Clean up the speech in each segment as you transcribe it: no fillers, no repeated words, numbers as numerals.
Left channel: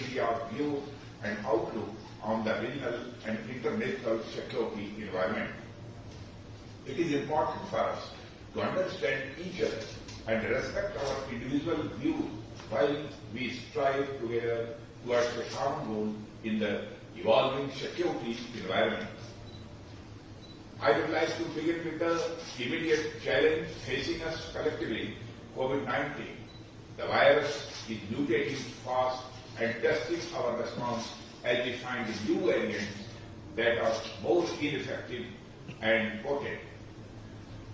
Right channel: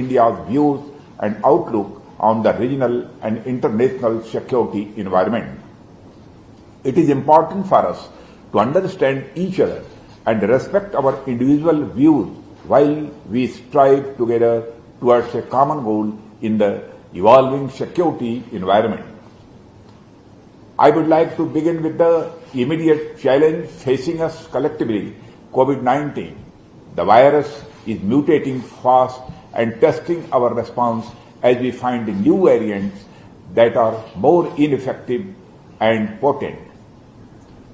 India's views and outlook on the regional and international security environment. It is important for us to understand each other and respect our individual views while we strive together towards a common goal in the evolving security environment. I would like to begin with the immediate challenge facing us collectively, COVID-19. The virus is mutating fast and testing our response as we find new variants that are more ineffective and potent.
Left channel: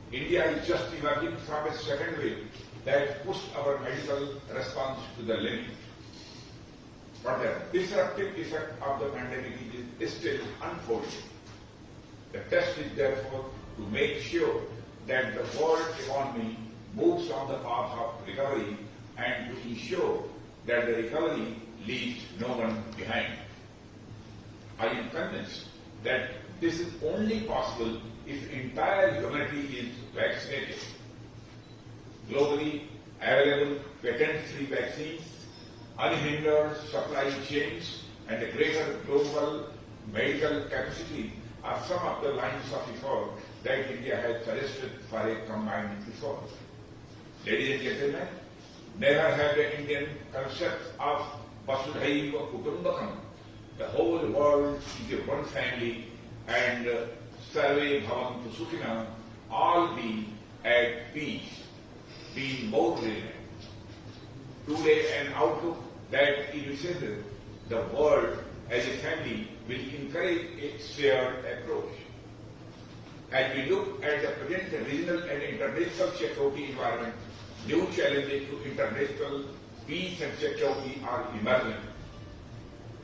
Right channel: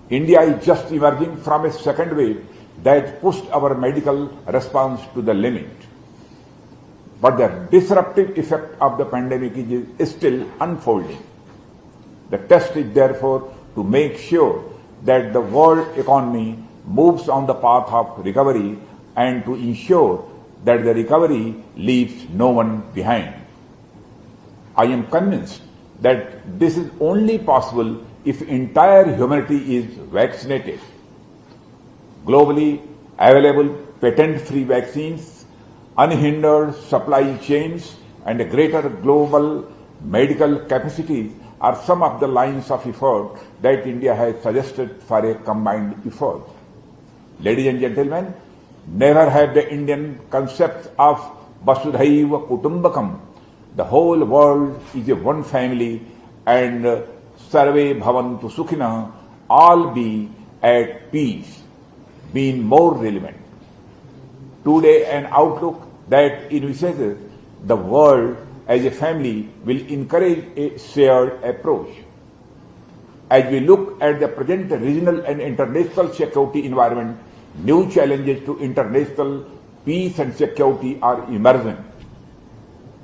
India is just emerging from a second wave that pushed our medical response to the limit. But the disruptive effect of the pandemic is still unfolding. The test is therefore to make sure that the world economy moves on the path of recovery and to ensure that the recovery leaves no one behind. I am convinced that this is only possible if entire humanity is vaccinated. Globally available patent-free vaccines, unhindered supply chains, and a greater global medical capacity are some of the lines of effort that India has suggested for a combined effort. Ladies and gentlemen, never have the Indian concept of Vasudhaiva Kutumbakam, the whole world is a one family, and Sarve Bhavantu Sukhina, all be at peace, been more relevant. Today, an outlook that envisages the world as a family will encourage a shared approach. As we look at the present regional and international security environment, new challenges to international peace and security are emerging.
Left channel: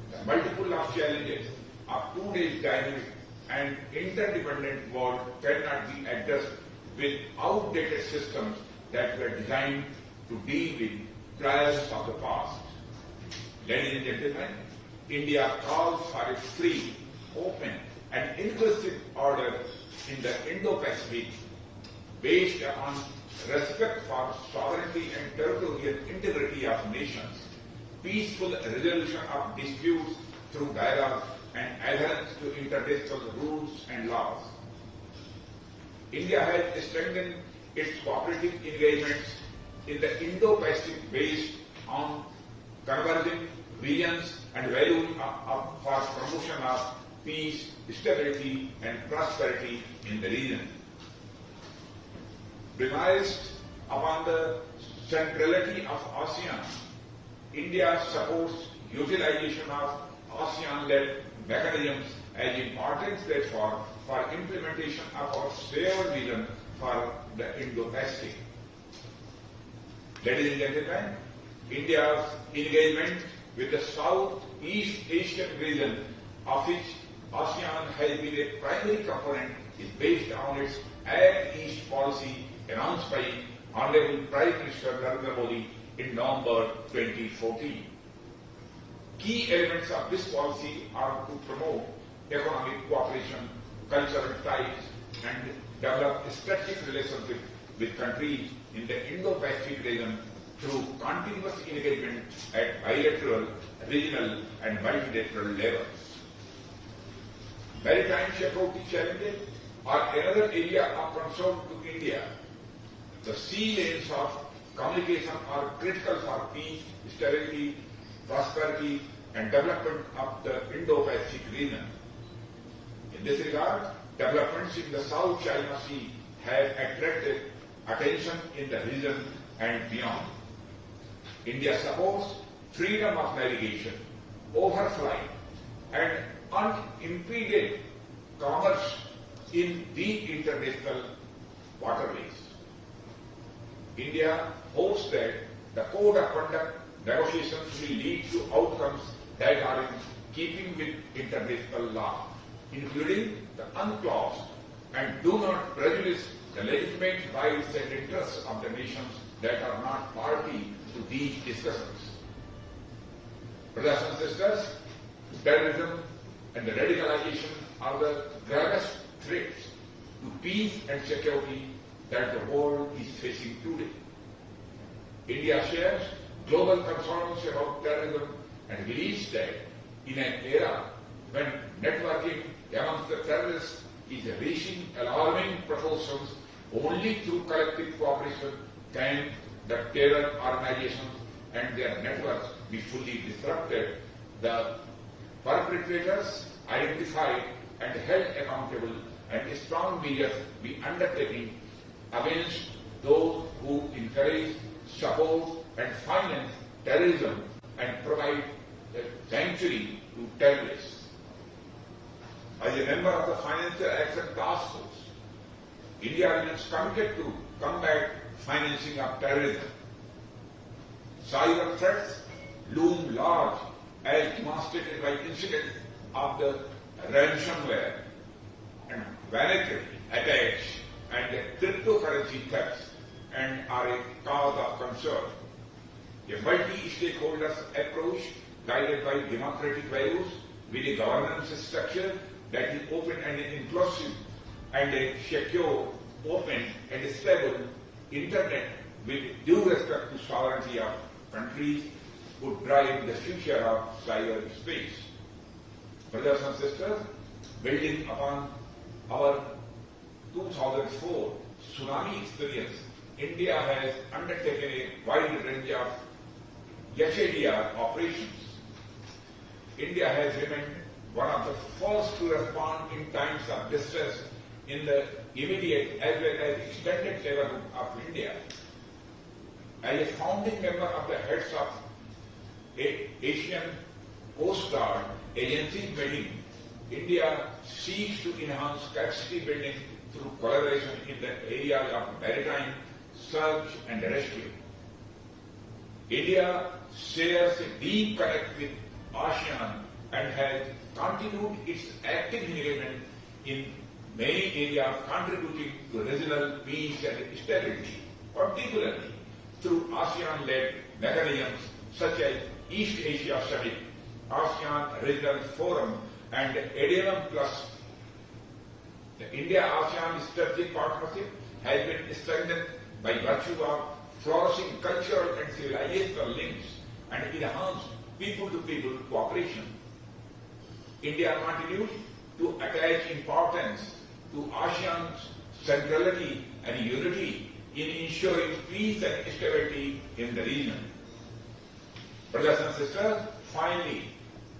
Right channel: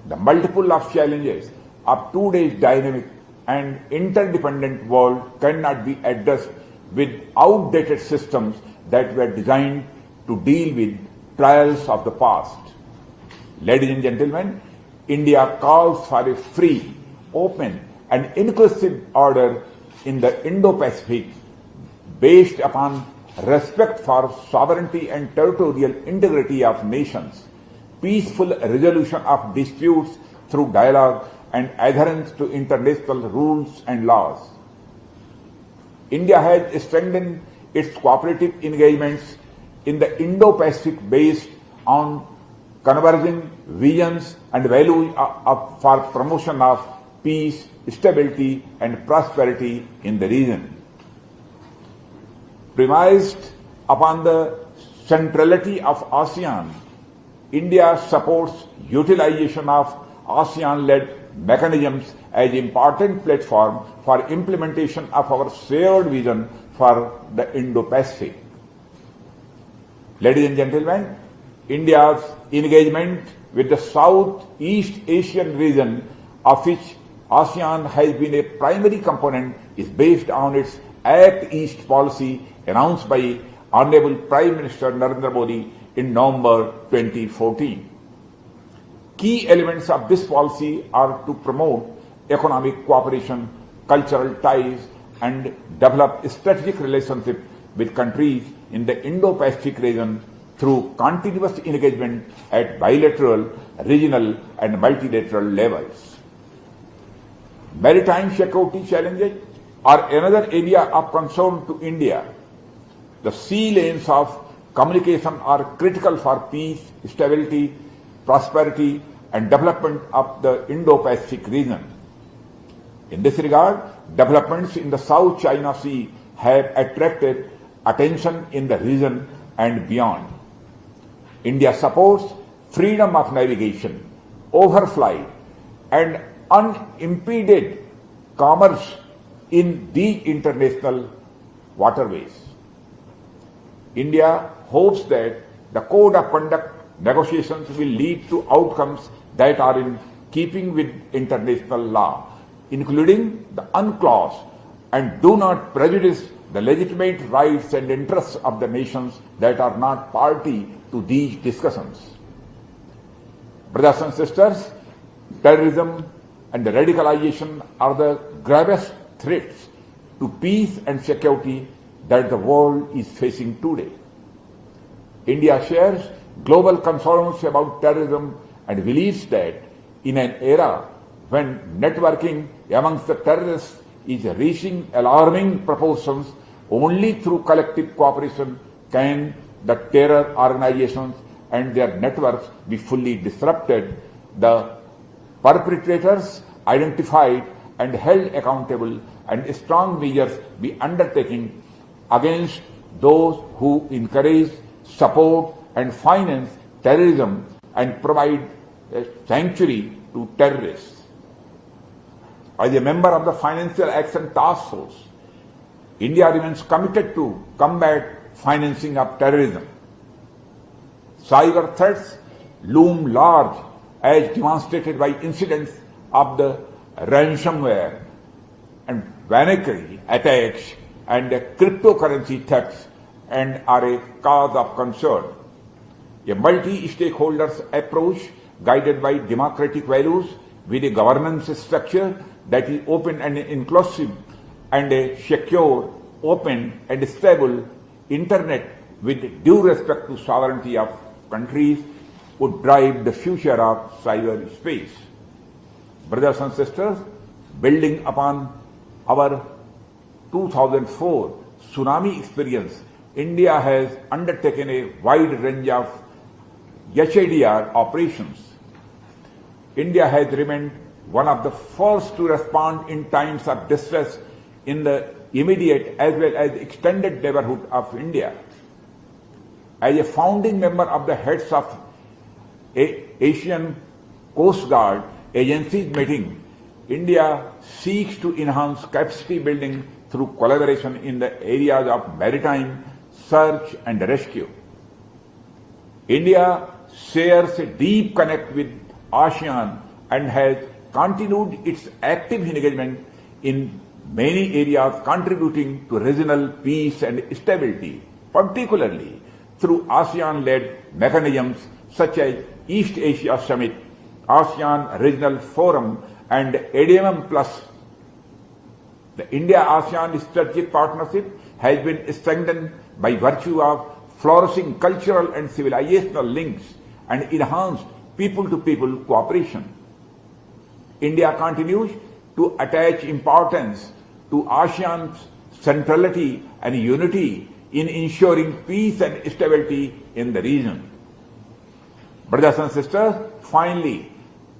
The multiple of challenges of today's dynamic and interdependent world cannot be addressed with outdated systems that were designed to deal with trials of the past. Ladies and gentlemen, India calls for a free, open, and inclusive order in the Indo-Pacific based upon respect for sovereignty and territorial integrity of nations, peaceful resolution of disputes through dialogue, and adherence to international rules and laws. India has strengthened its cooperative engagements in the Indo-Pacific based on converging visions and values for promotion of peace, stability, and prosperity in the region. Premised upon the centrality of ASEAN, India supports utilization of ASEAN-led mechanisms as important platform for implementation of our shared vision for the Indo-Pacific. Ladies and gentlemen, India's engagement with the Southeast Asian region, of which ASEAN has been a primary component, is based on its Act East policy announced by Honorable Prime Minister Narendra Modi in November 2014. Key elements of this policy are to promote economic cooperation, cultural ties, and develop strategic relationships with countries in the Indo-Pacific region through continuous engagement at bilateral, regional, and multilateral levels. Maritime security challenges are another area of concern to India. The sea lanes of communication are critical for peace, stability, prosperity, and development of the Indo-Pacific region. In this regard, developments in the South China Sea have attracted attention in the region and beyond. India supports freedom of navigation, overflight, and unimpeded commerce in these international waterways. India hopes that the Code of Conduct negotiations will lead to outcomes that are in keeping with international law, including the UNCLOS, and do not prejudice the legitimate rights and interests of the nations that are not party to these discussions. Brothers and sisters, terrorism and radicalization are the gravest threats to peace and security that the world is facing today. India shares global concerns about terrorism and believes that in an era when networking amongst the terrorists is reaching alarming proportions, only through collective cooperation can the terror organizations and their networks be fully disrupted, the perpetrators identified and held accountable, and strong measures be undertaken against those who encourage, support and finance terrorism and provide a sanctuary to terrorists. As a member of the Financial Action Task Force, India remains committed to combat financing of terrorism. Cyber threats loom large, as demonstrated by incidents of the ransomware and Vanacry attacks and cryptocurrency thefts, and are a cause of concern. A multi-stakeholders approach guided by democratic values with a governance structure that is open and inclusive, and a secure, open and stable internet with due respect to sovereignty of countries would drive the future of cyberspace. Brothers and sisters, building upon our 2004 tsunami experience, India has undertaken a wide range of HADR operations. India has remained one of the first to respond in times of distress in the immediate as well as extended neighborhood of India. As a founding member of the heads of Asian Coast Guard agencies meeting, India seeks to enhance capacity building through collaboration in the areas of maritime, search and rescue. India shares a deep connect with ASEAN and has continued its active engagement in many areas contributing to regional peace and stability, particularly through ASEAN-led mechanisms such as East Asia Summit, ASEAN Regional Forum and ADMM Plus. The India-ASEAN strategic partnership has been strengthened by virtue of flourishing cultural and civilizational links and enhanced people-to-people cooperation. India continues to attach importance to ASEAN's centrality and unity in ensuring peace and stability in the region. Brothers and sisters, finally,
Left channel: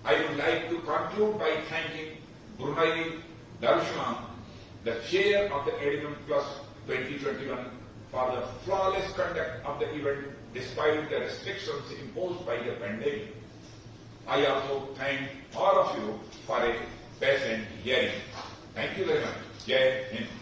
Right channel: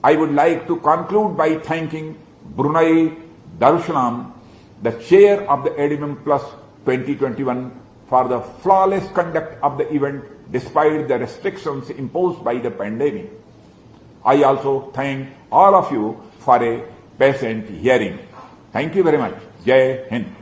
I would like to conclude by thanking Brunei Darussalam, the chair of the ADMM Plus 2021, for the flawless conduct of the event despite the restrictions imposed by the pandemic. I also thank all of you for a patient hearing. Thank you very much. Jai Hind.